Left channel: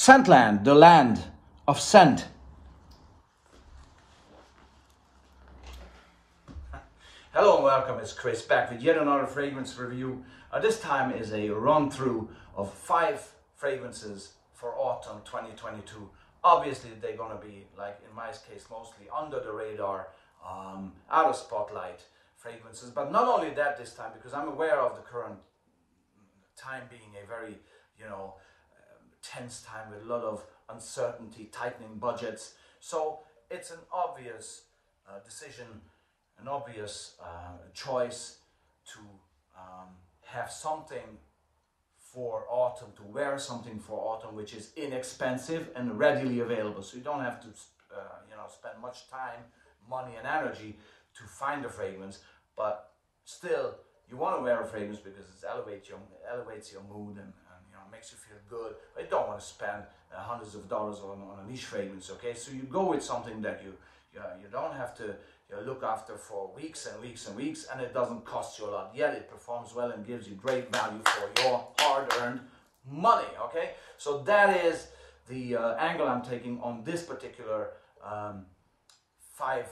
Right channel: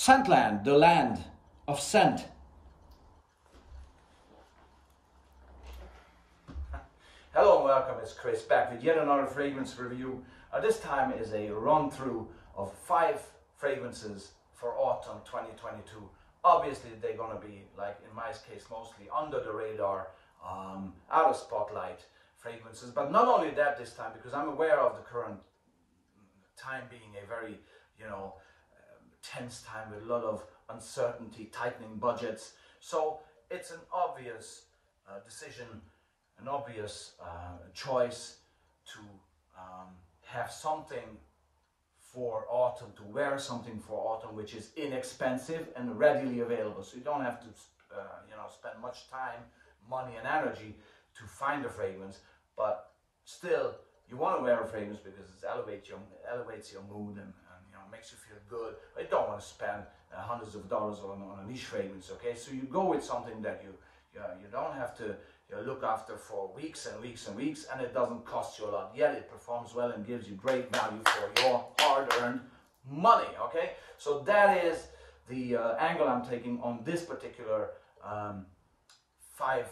Scentland, the land of scent. Hello and welcome, it's Chris back with yet another fragrance review. This time is a run through of 5 fragrances for autumn 2022. Obviously they're going to be, like in my case, mostly under the radar, out of spotlight fragrances. But not only that this time, because I'm aware of the current time being a very, tense time with a lot of uncertainty, tightening budgets. So it's an obvious decision, an obvious choice to have something for autumn, to wear something for autumn which is inexpensive and readily available. So you don't have to spend much time, money and energy to find a fragrance, but still you want to wear a fragrance because it elevates your mood and makes you feel good. But you don't want to spend hundreds of dollars on a niche fragrance, okay? So you go with something that you don't have to look after for weeks and weeks and weeks, and it doesn't cost you a lot, yet it performs well and gives you great value for your hard-earned money, okay? So that is the angle I'm taking on this particular 5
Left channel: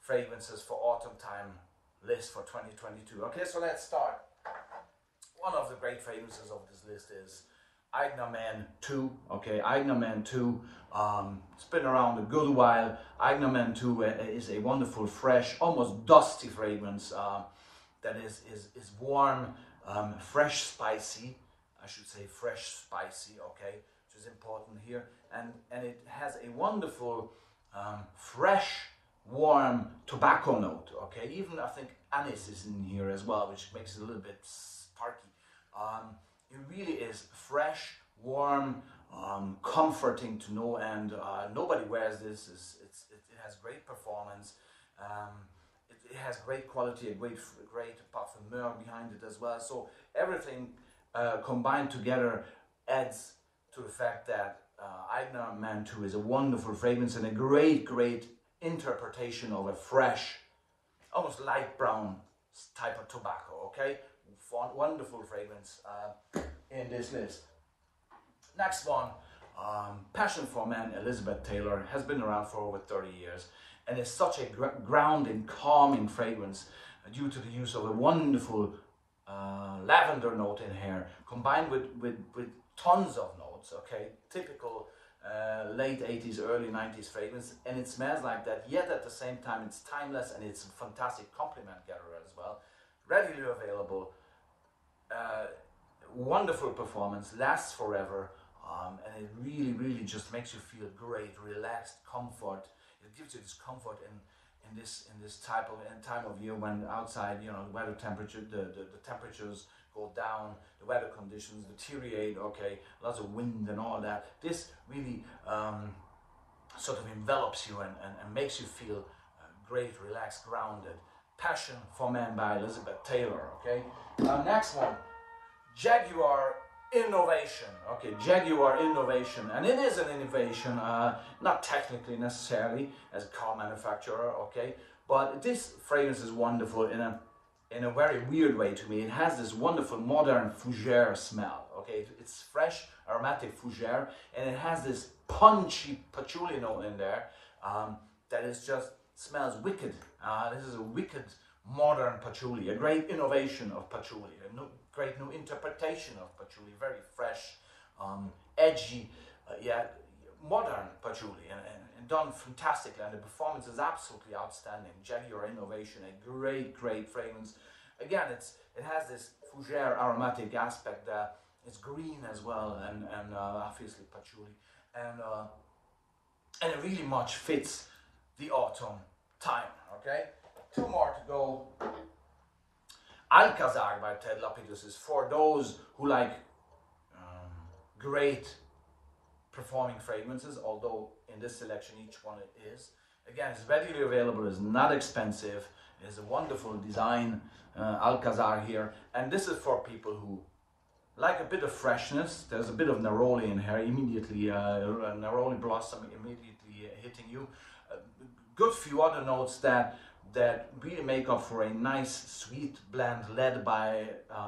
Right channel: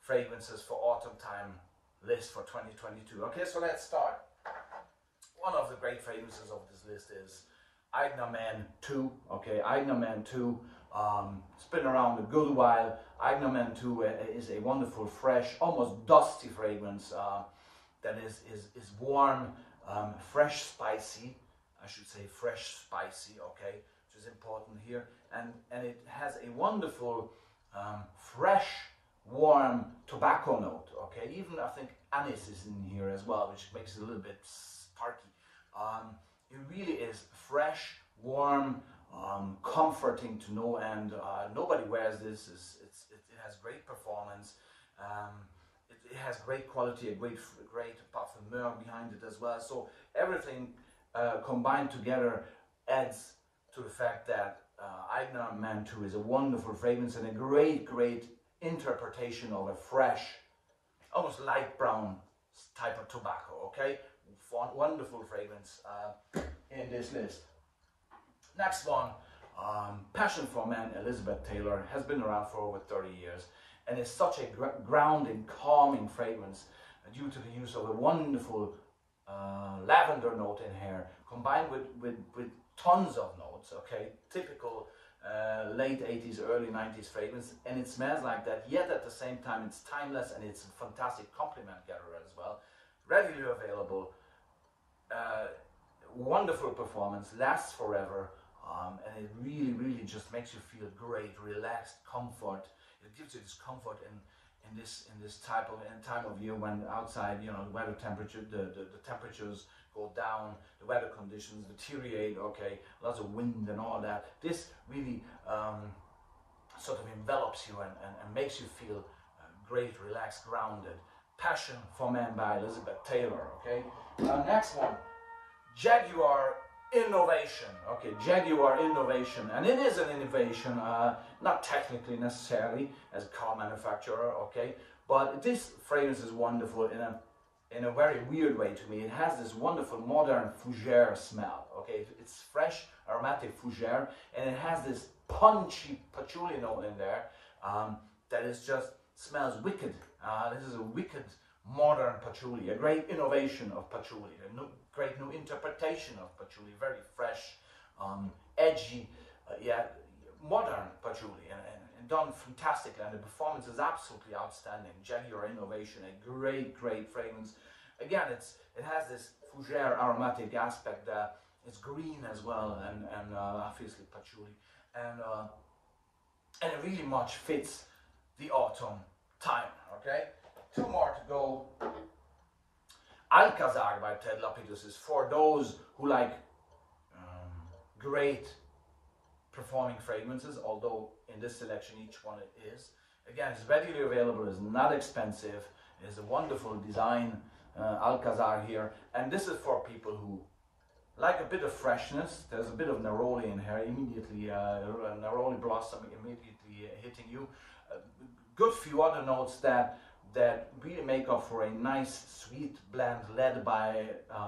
fragrances for autumn time list for 2022. Okay, so let's start. One of the great fragrances of this list is Eigner Man 2. Okay, Eigner Man 2. It's been around a good while. Eigner Man 2 is a wonderful, fresh, almost dusty fragrance that is warm, fresh, spicy. I should say fresh, spicy. Okay, which is important here, and it has a wonderful, fresh, warm tobacco note. Okay, even I think anise is in here as well, which makes it a little bit sparky. It really is fresh, warm, comforting to no end. Nobody wears this. It has great performance. It has great quality, a great parfumeur behind it as well. So everything combined together adds to the fact that Eigner Man 2 is a wonderful fragrance and a great interpretation of a fresh, almost light brown type of tobacco. Okay, wonderful fragrance in this list. Next one, Passion for Men, Elizabeth Taylor, has been around for over 30 years and is such a grounding, calming fragrance due to the use of a wonderful lavender note in here, combined with tons of notes. Okay, typical late 80s, early 90s fragrance, and it smells like that, yet at the same time it's timeless and it's a fantastic compliment gatherer as well. Readily available, wonderful performance, lasts forever, and it really just makes you feel great, relaxed, comfort. It gives you this comfort in this time of year when outside, the weather temperature, the temperatures go down, the weather conditions deteriorate, okay, lots of wind and all that. This really sort of envelops you and makes you feel great, relaxed, grounded. Passion for Men by Elizabeth Taylor, okay? Next one, Jaguar Innovation. Okay, Jaguar Innovation, and it is an innovation, not technically necessarily as a car manufacturer, okay, but this fragrance is wonderful in a very weird way to me. It has this wonderful modern fougere smell. Okay, it's fresh, aromatic fougere, and it has this punchy patchouli note in there that is just smells wicked. This is a wicked modern patchouli, a great innovation of patchouli, a great new interpretation of patchouli, very fresh, edgy, modern patchouli, and done fantastically, and the performance is absolutely outstanding. Jaguar Innovation, a great fragrance. Again, it has this fougere aromatic aspect there. It's green as well, and obviously patchouli, and it really much fits the autumn time. Okay, 2 more to go. Alanzaar by Ted Lapidus is for those who like great performing fragrances, although in this selection each one is. Again, it's readily available, it's not expensive, it's a wonderful design, Alanzaar here, and this is for people who like a bit of freshness. There's a bit of neroli in here, immediately, neroli blossom immediately hitting you. Good few other notes that really make up for a nice sweet blend led by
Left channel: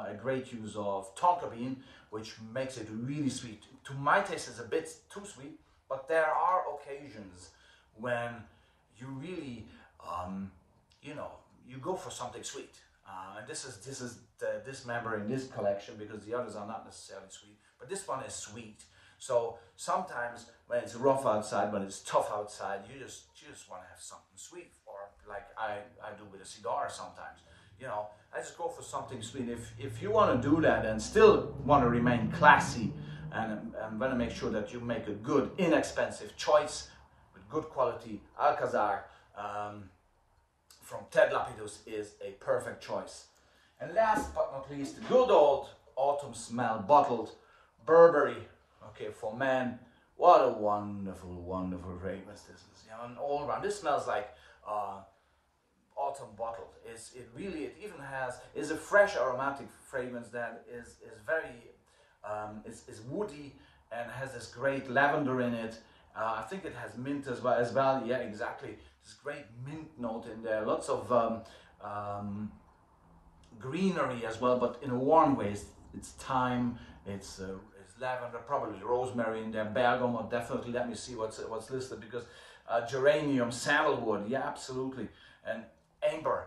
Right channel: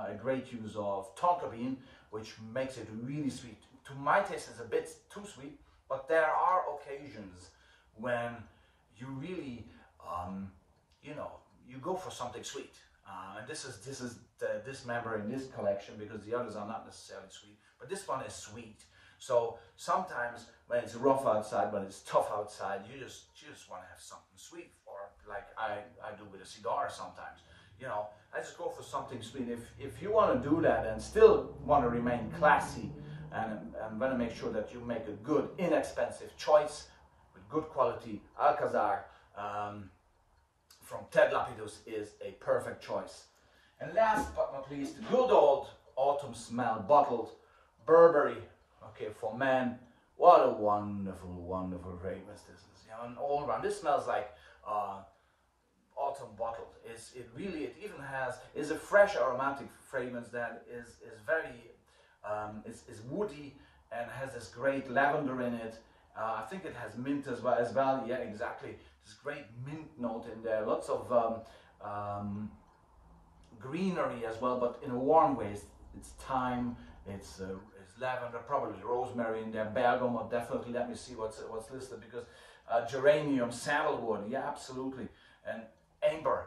a great use of tonka bean, which makes it really sweet. To my taste, it's a bit too sweet, but there are occasions when you really, you know, you go for something sweet. And this is this member in this collection, because the others are not necessarily sweet, but this one is sweet. So sometimes when it's rough outside, when it's tough outside, you just want to have something sweet, or like I do with a cigar sometimes. You know, I just go for something sweet. If you want to do that and still want to remain classy and want to make sure that you make a good, inexpensive choice with good quality, Alcazar from Ted Lapidus is a perfect choice. And last but not least, good old autumn smell bottled Burberry. Okay, for men, what a wonderful, wonderful fragrance this is. You know, and all around, this smells like autumn bottled. It even is a fresh aromatic fragrance that is very is woody and has this great lavender in it. I think it has mint as well. Yeah, exactly. This great mint note in there. Lots of greenery as well, but in a warm way. It's thyme. It's lavender, probably rosemary in there. Bergamot, definitely. Let me see what's listed, because geranium, sandalwood. Yeah, absolutely. And amber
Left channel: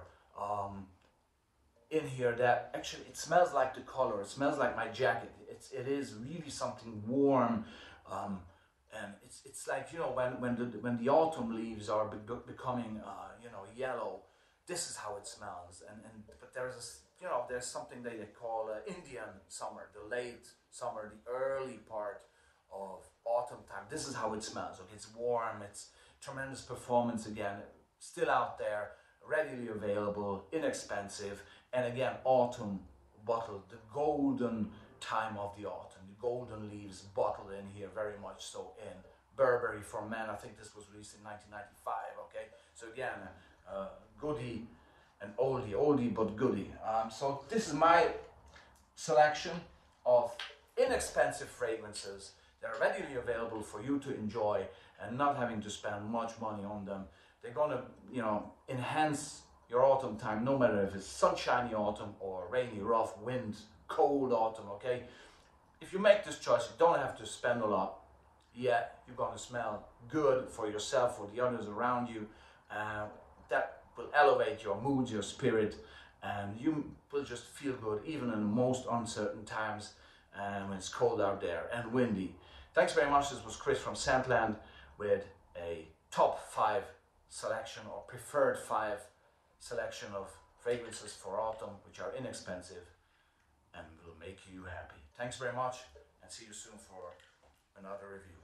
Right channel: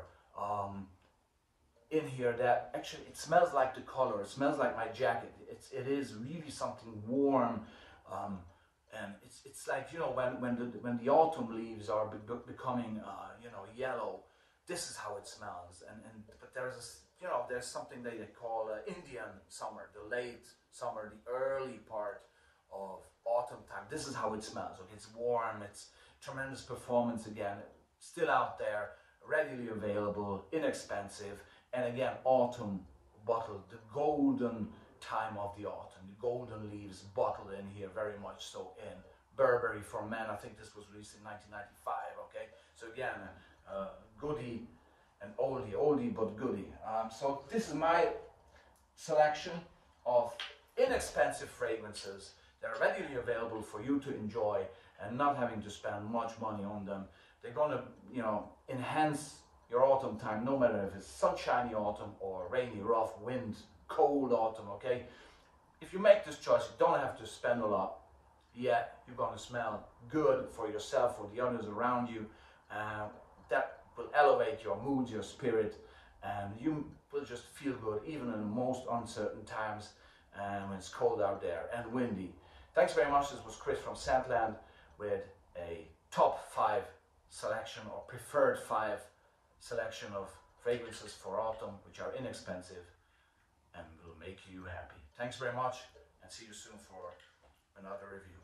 in here. That actually, it smells like the color. It smells like my jacket. It is really something warm. And it's like, you know, when the autumn leaves are becoming you know, yellow, this is how it smells. But there's something they call Indian summer, the late summer, the early part of autumn time. This is how it smells. Okay, it's warm. It's tremendous performance again. Still out there, readily available, inexpensive, and again, autumn bottled, the golden time of the autumn, the golden leaves bottled in here, very much so, in Burberry for men. I think this was released in 1995. Okay, so again, goodie and oldie but goodie. So this is my selection of inexpensive fragrances. They're readily available for you to enjoy and not having to spend much money on them. They're gonna, you know, enhance your autumn time, no matter if it's sunshiny autumn or rainy, rough, wind, cold autumn. Okay, if you make this choice, you don't have to spend a lot. Yet you're gonna smell good for yourself, for the others around you. That will elevate your mood, your spirit, and you will just feel good even in the most uncertain times and when it's cold out there and windy. Thanks very much. This was Chris from Scentland with a top 5 selection, or preferred 5 selection of fragrances for autumn, which are inexpensive and will make you happy. Thanks very much, and see you soon for another review.